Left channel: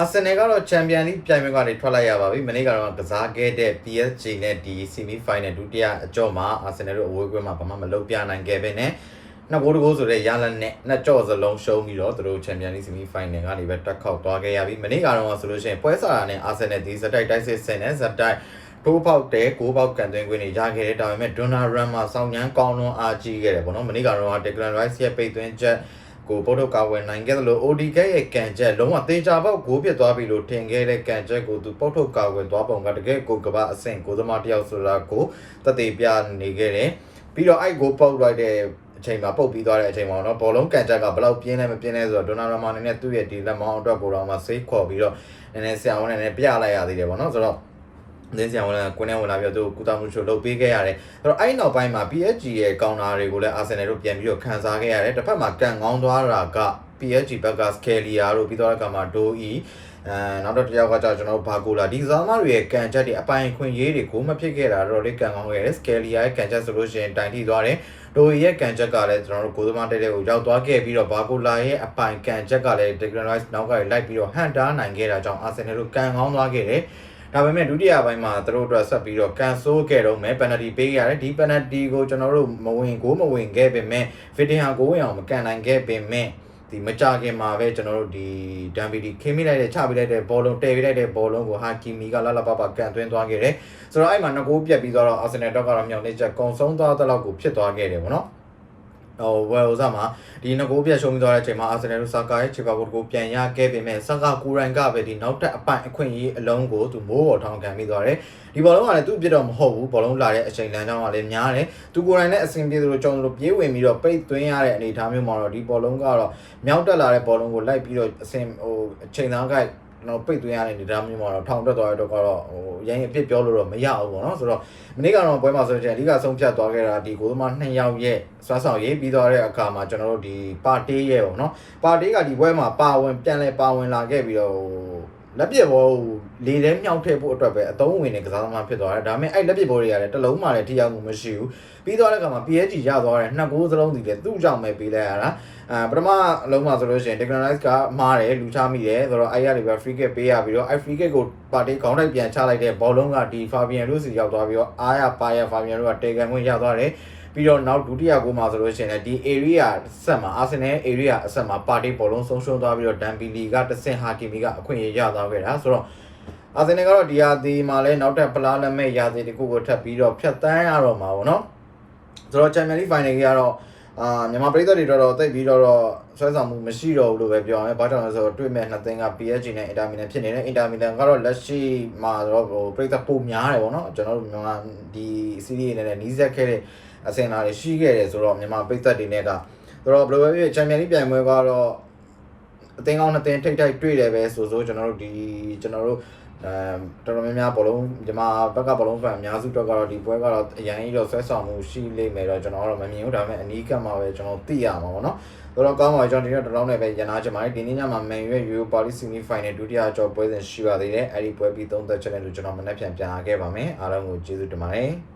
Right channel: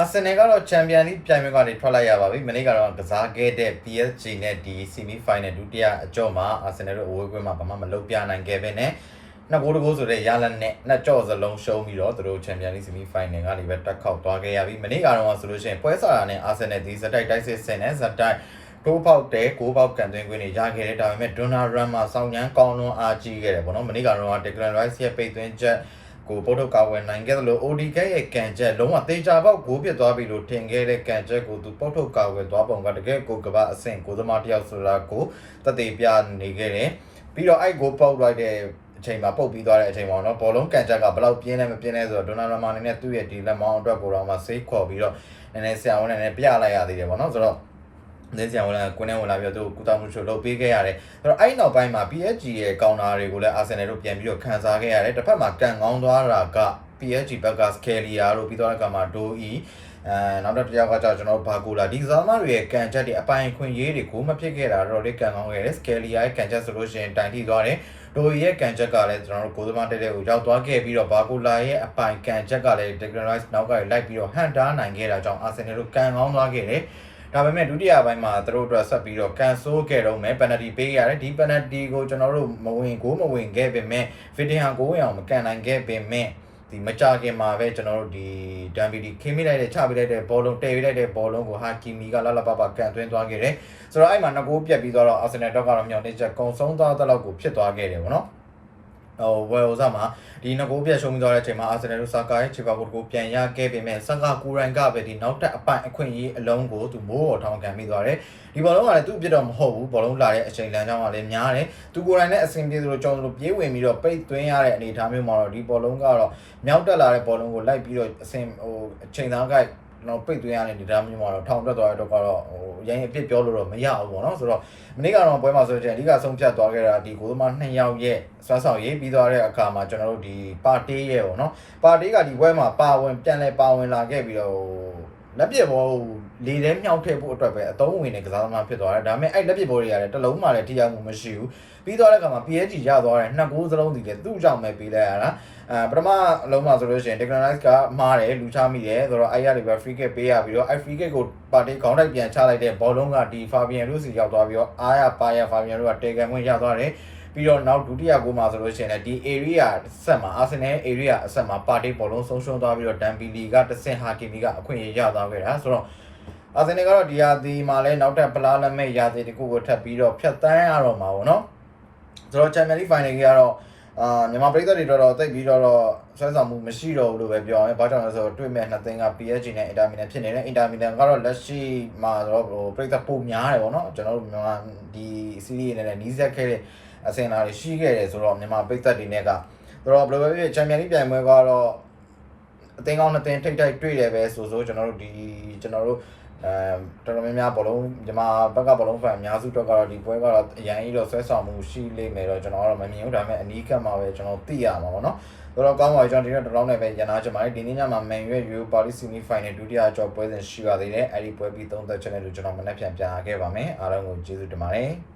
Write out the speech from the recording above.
အာဆင်နယ်ကတော့ချန်ပီယံလိပြိုင်ပွဲကနေထွက်လိုက်ရပါပြီ။မနေ့ကတော့ကစားခဲ့တဲ့ PSG နဲ့ဒီ semi final ဒုတိယအကြော့မှာအာဆင်နယ်တို့အဝေးကွင်းမှာဘာမှမလုပ်ပြနိုင်ခဲ့ပဲနဲ့နှစ်ဂိုးတဂိုးဆိုတဲ့ရလနဲ့နှစ်ကြော့စလုံးရှုံးပြီးတော့သူတို့ချန်ပီယံလိ semi final ကနေပဲတက်ခောက်သွားခဲ့ရပြီ။မနေ့ကတော့ဆိုလို့ရှိရင်ပွဲစားတာနဲ့အာဆင်နယ်ဒီဇက်တိုက်တိုက်စစ်ဆင်နဲ့ဇက်တိုက်တိုးပေါက်တဲ့ကိုးပေါက်ကန်သွင်းခွင့်တွေရခဲ့တဲ့ဒါပေမဲ့ဒွန်နာရမ်မှာစောင်းညမ်းကောင်းလွန်အားကြီးခဲ့တယ်ပေါ့နော်။မနေ့ကတော့တက်ကလန်ရိုက်စ်ရဲ့ပိတ်သွင်းချက်ကိုပုတ်ထုတ်ကာဝယ်နိုင်ခဲ့သလို ODK ရဲ့ကန်ချက်လုံးဝတင်ချပေါက်ဂိုးပြတ်သွားပြီလို့ထင်ခဲ့တဲ့ကန်ချက်ကိုသူပုတ်ထုတ်ကာဝယ်သွားပုံကတကယ်ကိုကဘာအဆင့်ကိုသမားတယောက်ဆိုတာကိုတသက်ပြနေခဲ့တယ်ပြီးတော့အဲ့ဂိုးပေါက်လိုက်တဲ့အချိန်မှာပုတ်ပြီးသွားတဲ့အချိန်မှာတော့ဘောလုံးကန်ချက်ကဘယ်လောက်ပြင်းလဲမပြင်းလဲဆိုတော့ဒိုနာရမာနဲ့သူ့ရဲ့ဒီလက်မောင်းအတွက်ကိုတော့မှဆေးခေါ်ပြီးတော့နည်းနည်းဆရာဝန်နဲ့ပြလိုက်ရသေးတယ်ပေါ့နော်ဆိုတော့နေစရာဝင်လာကွင်းထဲဝင်လာပြီးတော့ကုသမှုချို့လုပ်ပေးခဲ့ရတယ်။ဆိုတော့အဲ့နောက်ပိုင်းမှာ PSG ရဲ့ကောင်တာတွေကိုလည်းအာဆင်နယ်တို့ပြန်ပြီးတော့ခန်းစားခဲ့ရတယ်။တစ်ဖက်မှာကန်ကောင်းသွားတာက PSG ဘက်ကစကယ်လီယာတို့ပြီးတော့ကမှဒိုအီနောက်တော့တယောက်ကကျွန်တော်တို့ဘာကိုလာဒီဇာမတွေရဲ့ကန်ချက်တွေအပိုင်ခွင့်ရေးတွေကိုမဖြစ်ခဲ့တာတော့လေကန်ကောင်းခဲ့တယ်။စကယ်လီယာရဲ့ကန်ချက်ဆိုလို့ရှိရင်တိုင်ထိသွားတယ်။ဒိုအီရဲ့ကန်ချက်ကလည်းကျွန်တော်တို့ကိုသမားတဲ့ကိုရောက်သွားခဲ့ပြီးတော့ဘာကိုလာရဲ့အပိုင်ကန်ချက်ကလည်း Declan Rice နောက်ကလိုက်ပြီးတော့ဟန်တာနိုင်ခဲ့တာကြောင့်အာဆင်နယ်တို့ကန်ကောင်းသွားခဲ့တယ်။ဒါပေမဲ့ဒုတိယပိုင်းမှာသူတို့အတွက်ဆက်ပြီးတော့ကန်ဆိုးခဲ့တော့မယ်ပယ်နတီပေးရတယ်ဒီပယ်နတီကိုကျွန်တော်တို့မဝင်ခဲ့ပေမဲ့ဗီတင်ဟာကိုဝင်အောင်မကန်နိုင်ခဲ့ပေမဲ့ဒီမကြခင်မှာပဲကျွန်တော်တို့ဒီဒမ်ဘီဒီခင်းမိလိုက်တဲ့ချပေးလိုက်တဲ့ဘောလုံးတည်ပေးလိုက်တဲ့ဘောလုံးကိုဟာကီမီကလာလာပပကန်သွင်းသွားခဲ့တယ်ဆိုတော့အဲ့မှာနှစ်ဂိုးပြတ်ပြီးတော့အာဆင်နယ်တော့ကတော့မြောင်နေချက်ကုံဆုံးသွားတဲ့လောက်ကိုဖြစ်သွားခဲ့တယ်ဗောနော်ဝယ်ဥစားမှာဒီနှစ်ဂိုးပြတ်ရှုံးပြီးသွားတဲ့အချိန်မှာအာဆင်နယ်တို့ဆာကာရဲ့ချီပါကိုကိုပြန်ရခဲ့ပေမဲ့ဆာကာကူရိုင်ကပဲဒီနောက်ထပ်အပိုင်အခွင့်အရေးအလုံးကိုသူမိုးပေါ်ထောင်ခံပြီးသွားတယ်ဒီဘောလုံးကလည်းသူ့ပြစ်တော့မဟုတ်ဘူးဘောလုံးလာတဲ့အချိန်လမ်းကြောင်းကလည်းများတယ်သူကိုယ်တိုင်နဲ့အဆင်ပြေသလိုကြုံလို့ပြေးဝင်ပြီးတော့ပိတ်သွင်းရတဲ့အနေအထားမျိုးမှာတော့ဒီဘောလုံးကတော့မြောက်တက်လာတဲ့ဘောလုံးကိုလိုက်ပြီးတော့အချိန်သားကိုက်ကျွန်တော်ပိတ်သွင်းရတဲ့အနေအထားမျိုးမှာတော့ထောင်တက်သွားတဲ့တော့ကတော့ရရင်အပြစ်ပြောလို့တော့မရဘူးပေါ့နော်ဆိုတော့မနေ့ကတော့ပွဲမှာဆိုရင်အဓိကဆုံးဖြတ်သွားခဲ့တာဒီကိုသမား2ယောက်ရဲ့စွမ်းဆောင်ရေးပြီးသွားတဲ့အခါမှာကျွန်တော်တို့ဒီပါတီရဲ့ပေါ့နော်ပါတီကဒီပွဲမှာပြန်လဲပါဝင်လာခဲ့ပြီးတော့လက်ပြဘောလေထဲမြောက်ထည့်ဖို့အတွက်ပဲအသုံးဝင်တဲ့ကစားသမားဖြစ်သွားတယ်ဒါပေမဲ့အဲ့လက်ပြဘောတွေကလည်းတစ်လုံးမှလည်းထိရောက်မှုမရှိဘူးပြီးသွားတဲ့အခါမှာ PSG ရသွားတဲ့နှစ်ဂိုးစလုံးစီလည်းသူ့ကြောင့်ပဲပေးလိုက်ရတာပထမအလုံးမှာဆိုလို့ရှိရင် Declan Rice ကမှားတယ်လူချမိတယ်ဆိုတော့အဲ့ရတွေပဲ free kick ပေးရပြီးတော့အဲ့ free kick ကိုပါတီခေါင်းတိုက်ပြန်ချလိုက်တဲ့ဘောလုံးကဒီ Fabian တို့စီရောက်သွားပြီးတော့အားရပါရ Fabian တို့ကတေကန်ခွင့်ရသွားတယ်ပြီးတော့နောက်ဒုတိယဂိုးမှာဆိုလို့ရှိရင်ဒီ area ဆက်မှာ Arsenal area အဆက်မှာပါတီဘောလုံးဆုံးရှုံးသွားပြီးတော့ Dembele ကတဆင့်ဟာကီမီကအခွင့်အရေးရသွားခဲ့တာဆိုတော့အာဆင်နယ်ကတော့ဒီရာသီမှာလည်းနောက်ထပ်ပလားလက်မဲ့ရာသီတစ်ခုကိုထပ်ပြီးတော့ဖြတ်တန်းရတော့မှာပေါ့နော်ဆိုတော့ Champions League Final ကြီးကတော့မြန်မာပြည်သက်တွေတော့တိတ်ပြီးတော့ဆွဲဆောင်မှုမရှိတော့ဘူးလို့ပဲပြောရမယ်။ဘာကြောင့်လဲဆိုတော့တွေ့မဲ့နှစ်သင်းက PSG နဲ့ Inter Milan ဖြစ်နေတဲ့ Inter Milan ကတော့လက်ရှိမှာတော့ပြည်သက်ပိုများတယ်ပေါ့နော်ကျွန်တော်တို့မြန်မာဒီ series နဲ့နီးစပ်ခဲ့တဲ့အဆင်အလာတွေရှိခဲ့တယ်ဆိုတော့မြန်မာပြည်သက်တွေနဲ့ကဆိုတော့ဘယ်လိုပဲဖြစ် Champions League ပြိုင်ပွဲကတော့အသင်းကောင်းနှစ်သင်းထိတ်ထိတ်တွေ့တယ်ပဲဆိုကျွန်တော်တို့တော်တော်များများဘောလုံးမြန်မာဘက်ကဘောလုံးဖန်အများစုတော့ကတော့ဒီပွဲကတော့အရင်ကြီးတော့ဆွဲဆောင်မှုရှိလိမ့်မယ်တော့ကျွန်တော်ကတော့မမြင်ဘူးဒါပေမဲ့အနီးကပ်မှာပဲကျွန်တော်သိရမှာပေါ့နော်တော်တော်ကောင်းပါပြီကျွန်တော်ဒီနေ့တလောင်းနဲ့ပဲရန်နာချင်ပါတယ်ဒီနေ့ညမှာ Man U ရဲ့ Europa League Semi Final ဒုတိယအကြောပွဲစဉ်ရှိပါသေးတယ်အဲ့ဒီပွဲပြီးသုံးသက်ချက်နဲ့လို့ကျွန်တော်မနေ့ပြန်လာခဲ့ပါမယ်အားလုံးကိုကျေးဇူးတင်ပါတယ်